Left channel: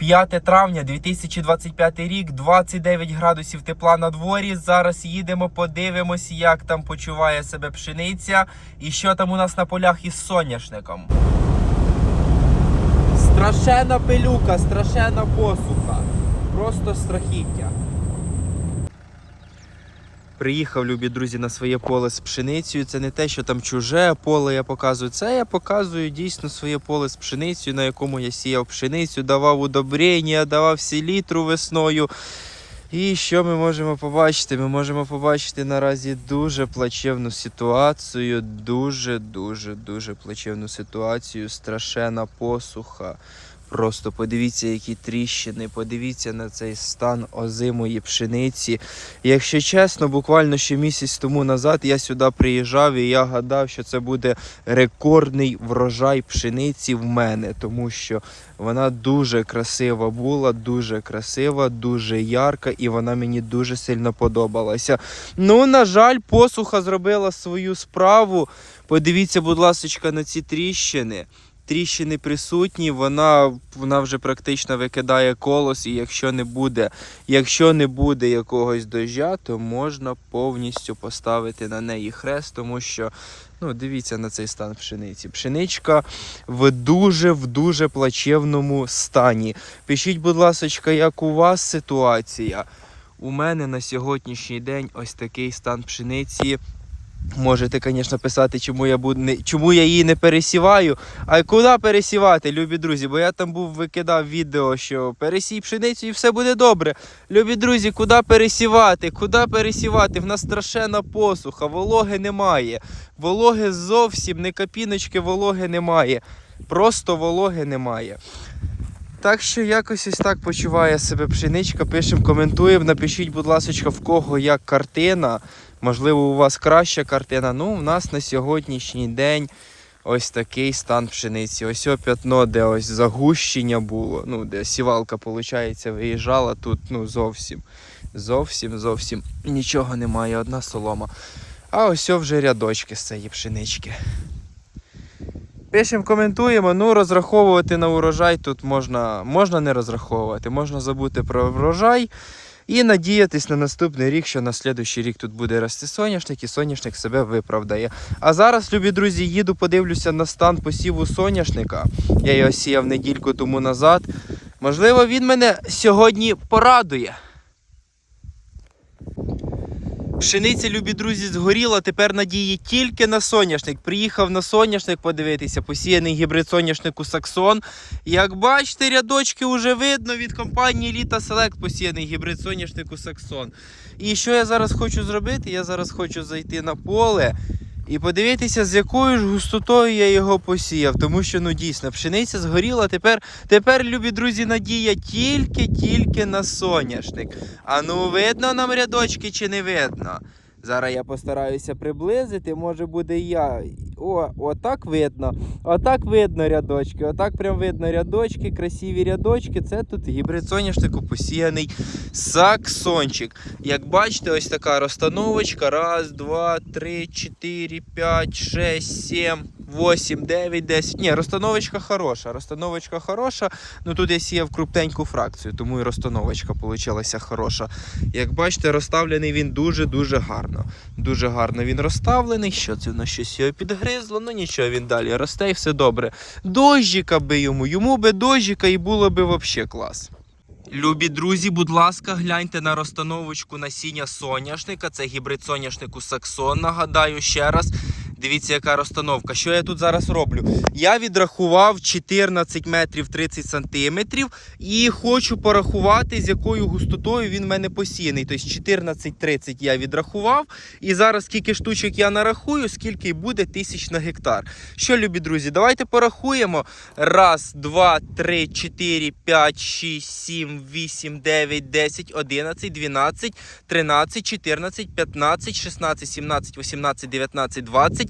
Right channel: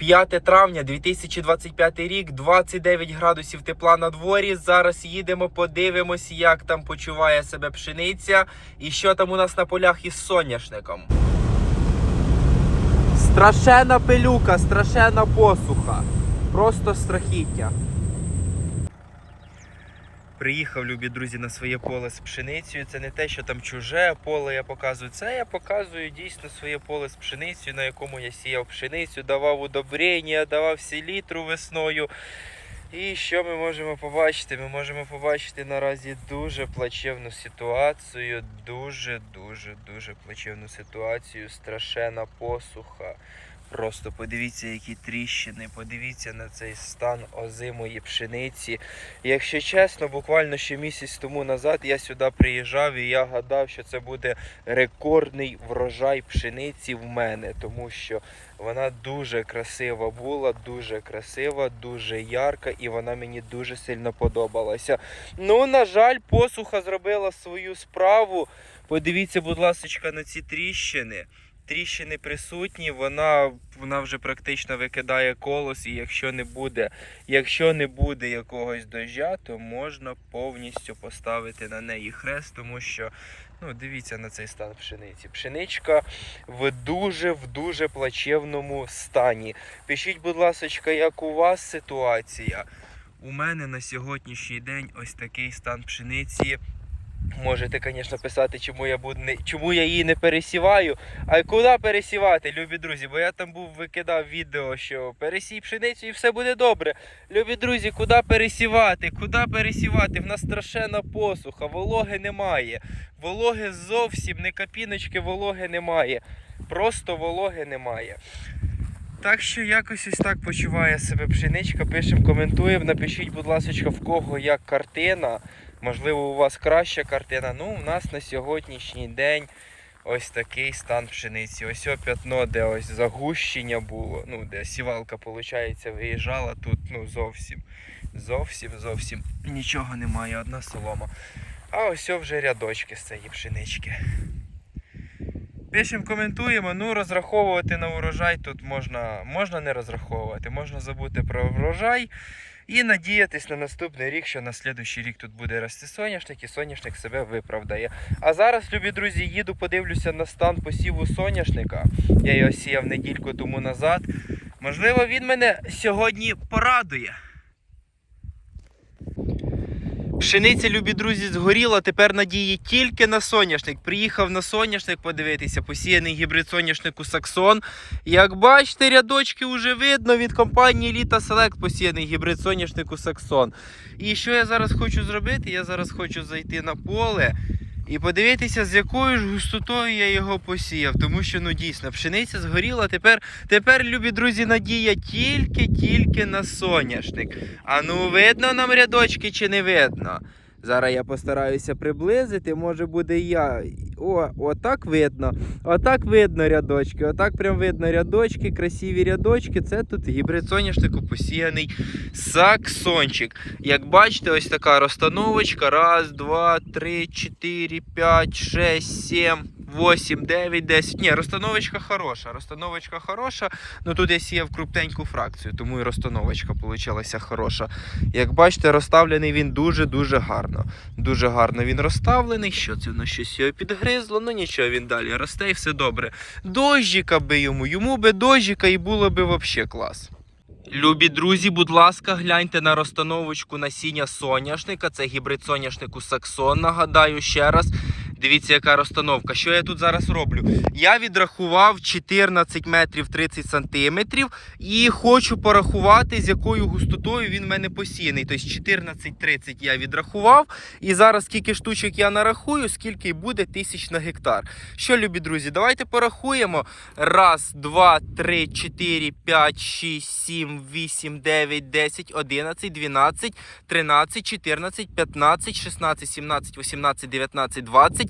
5 травня 2025 рік, 29 градусів тепла на дворі. Зараз їдемо, подивимось, як там почуває себе пшениця і що там у нас на полях із соняшником. Страшена пилюка, страшена посуха. Просто страхіття. Приїхав, любі друзі, на своє поле з пшеницею. Це не те, що там чуже поле я показую. Це я показую дійсно своє поле з пшеницею, на якому я сіяв пшеницю, давав удобрення, давав селітру весною. І що ми можемо побачити? Ми можемо побачити наразі дуже плачевну ситуацію. Дуже, дуже, дуже плачевну ситуацію. Страшена посуха. Просто подивіться, які тріщини, подивіться на цей стан озимої пшениці. Якщо чесно, буквально ще місяць тому назад я сюди приїжджав і я гадав, що це буде рекордний врожай пшениці в мене, тому що вона дуже красива була, дуже красива, дуже ярка, і вона мені дуже сильно подобалася. Ну, на жаль, посуха зробила свою справу. Подивіться, будь ласка, на ці тріщини. Тріщини присутні, вона, вона вже практично викидає колос, і якщо не буде, якщо не буде якогось дождя, то можна повністю поставити на неї хрест, тому що ну, дивіться на цей стан пшениці. Пшеничка в дуже в дуже плачевному стані. Пишіть, будь ласка, як у вас ситуація? У мене на сьогоднішній день ось такий стан пшениці. Можете, звісно, писати, чому я буду не чому я її не пересіваю. А куди пересівати, любі друзі? Бо я там був викидав відео, що пересій пшеницю і все буде добре. Любі друзі, куди пересівати? Куди пересівати? В нас страшенна посуха, вологи немає. Вологи зовсім не капіночки, вологи немає. Просто вологи немає. Так що якось ось так почуває себе пшеничка. Пишемо, коментуємо. Напишіть, будь ласка, в кого як картина. Можливо, у вас краща картина. Ну, у нас на сьогоднішній день ось такий стан пшениці. Ось о п'ятно, де ось загущення було. Ну, де сівалка, виходить, виїжджала. Тут ну, зовсім, зовсім, зовсім нічого немає, одна солома. А ось вже рядочки з цієї пшенички. Пишемо, коментуємо. Ну, розраховувати на урожай тут можна, можна не розраховувати, можна забути про врожай. І надіятись на наступний рік, що на наступний рік тут буде рости соняшник, і соняшник себе виправдає. А зараз, любі друзі, їду, подивлюся на стан посіву соняшника. Я його сіяв недільку тому назад. Можливо, він мене сьогодні порадує. Пшениця, любі друзі, згоріла. Тепер надії тільки на соняшник. Приїхав на соняшник подивитися, посіяний гібрид соняшнику Саксон. Як бачите, рядочки вже видно від компанії Літа Селект посіяний гібрид соняшнику Саксон. І що я зараз хочу зробити? Я зараз хочу зайти на поле і подивитися, з якою ж густотою я його посіяв. Тому що ну дійсно пшениця згоріла. Тепер, тепер любі друзі, надія тільки-тільки на соняшник. А ну видно нам рядочки чи не видно? Зараз я постараюся приблизити, може буде і я. О, отак видно. Отак видно рядочки. Отак прям видно рядочки, красиві рядочки. Це тут гібрид соняшнику посіяний саксончик. Як бачите, ось така розстановочка. Раз, два, три, чотири, п'ять, шесть, сім. 8, 9, 10. Ні, розстановочка хороша. Розстановочка хороша. Ну тут я сіяв крупненьку фракцію, тому і розстановочка получилася хороша. Як бачите, розставлений він дуже-дуже гарно. Дуже гарно він розставлений. Що це на щось його підгризло? Ну нічого, він далі росте і все добре. Дощика би йому, йому би дощика і було би взагалі клас. Любі друзі, будь ласка, гляньте на розстановочку насіння соняшника. Це гібрид соняшнику Саксон. Нагадаю ще раз. Дивіться, яка розстановка. Що я тут зараз роблю? Я відрахував 14 метрів 30 сантиметрів і хочу порахувати, з якою густотою він в мене посіяний. Тобто 14-30 я відрахував. І зараз скільки штучок я нарахую, скільки буде тисяч на гектар. Що, любі друзі, давайте порахуємо. Раз, два, три, чотири, п'ять, шість, сім, вісім, дев'ять, десять, одинадцять, дванадцять, тринадцять, чотирнадцять, п'ятнадцять, шістнадцять, сімнадцять, вісімнадцять, дев'ятнадцять, двадцять.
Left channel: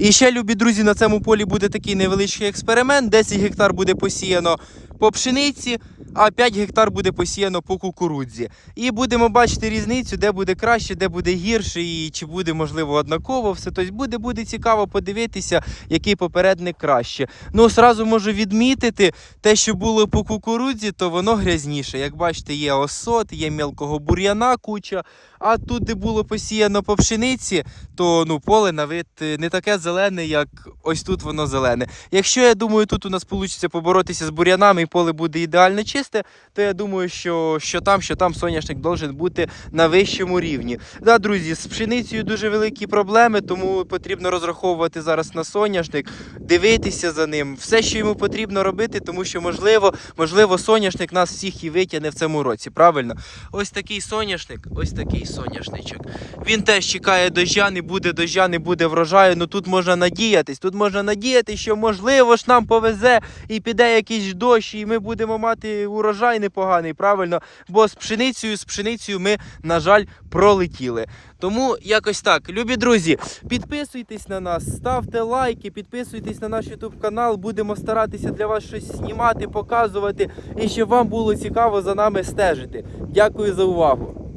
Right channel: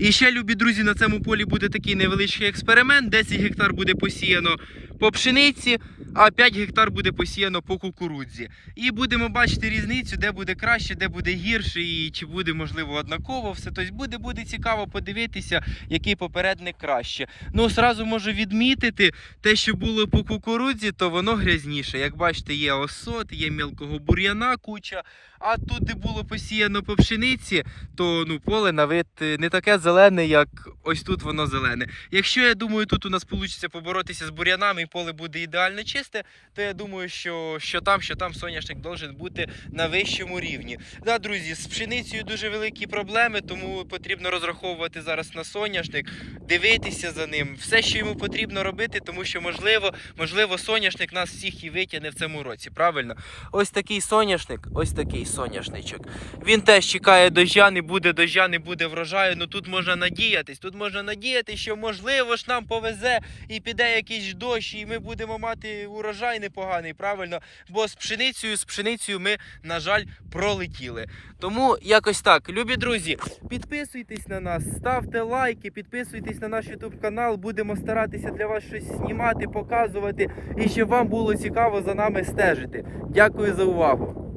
І ще, любі друзі, на цьому полі буде такий невеличкий експеримент. 10 гектар буде посіяно по пшениці, а 5 гектар буде посіяно по кукурудзі. І будемо бачити різницю, де буде краще, де буде гірше, і чи буде можливо однаково все. Тобто буде, буде цікаво подивитися, який попередник краще. Ну, сразу можу відмітити, те, що було по кукурудзі, то воно грязніше. Як бачите, є осот, є мелкого бур'яна куча. А тут, де було посіяно по пшениці, то ну, поле на вид не таке зелене, як ось тут воно зелене. Якщо я думаю, тут у нас вийде поборотися з бур'янами і поле буде ідеально чисте, то я думаю, що, що там, що там соняшник должен бути на вищому рівні. Да, друзі, з пшеницею дуже великі проблеми, тому потрібно розраховувати зараз на соняшник, дивитися за ним, все, що йому потрібно робити, тому що можливо, можливо, соняшник нас всіх і витягне в цьому році. Правильно? Ось такий соняшник, ось такий соняшничок. Він теж чекає дождя, не буде дождя, не буде врожаю. Ну тут можна надіятись. Тут можна надіятись, що можливо ж нам повезе і піде якийсь дощ, і ми будемо мати урожай непоганий, правильно? Бо з пшеницею, з пшеницею ми, на жаль, пролетіли. Тому якось так, любі друзі, підписуйтесь на нас, ставте лайки, підписуйтесь на наш YouTube канал. Будемо старатися для вас щось знімати, показувати і щоб вам було цікаво за нами стежити. Дякую за увагу.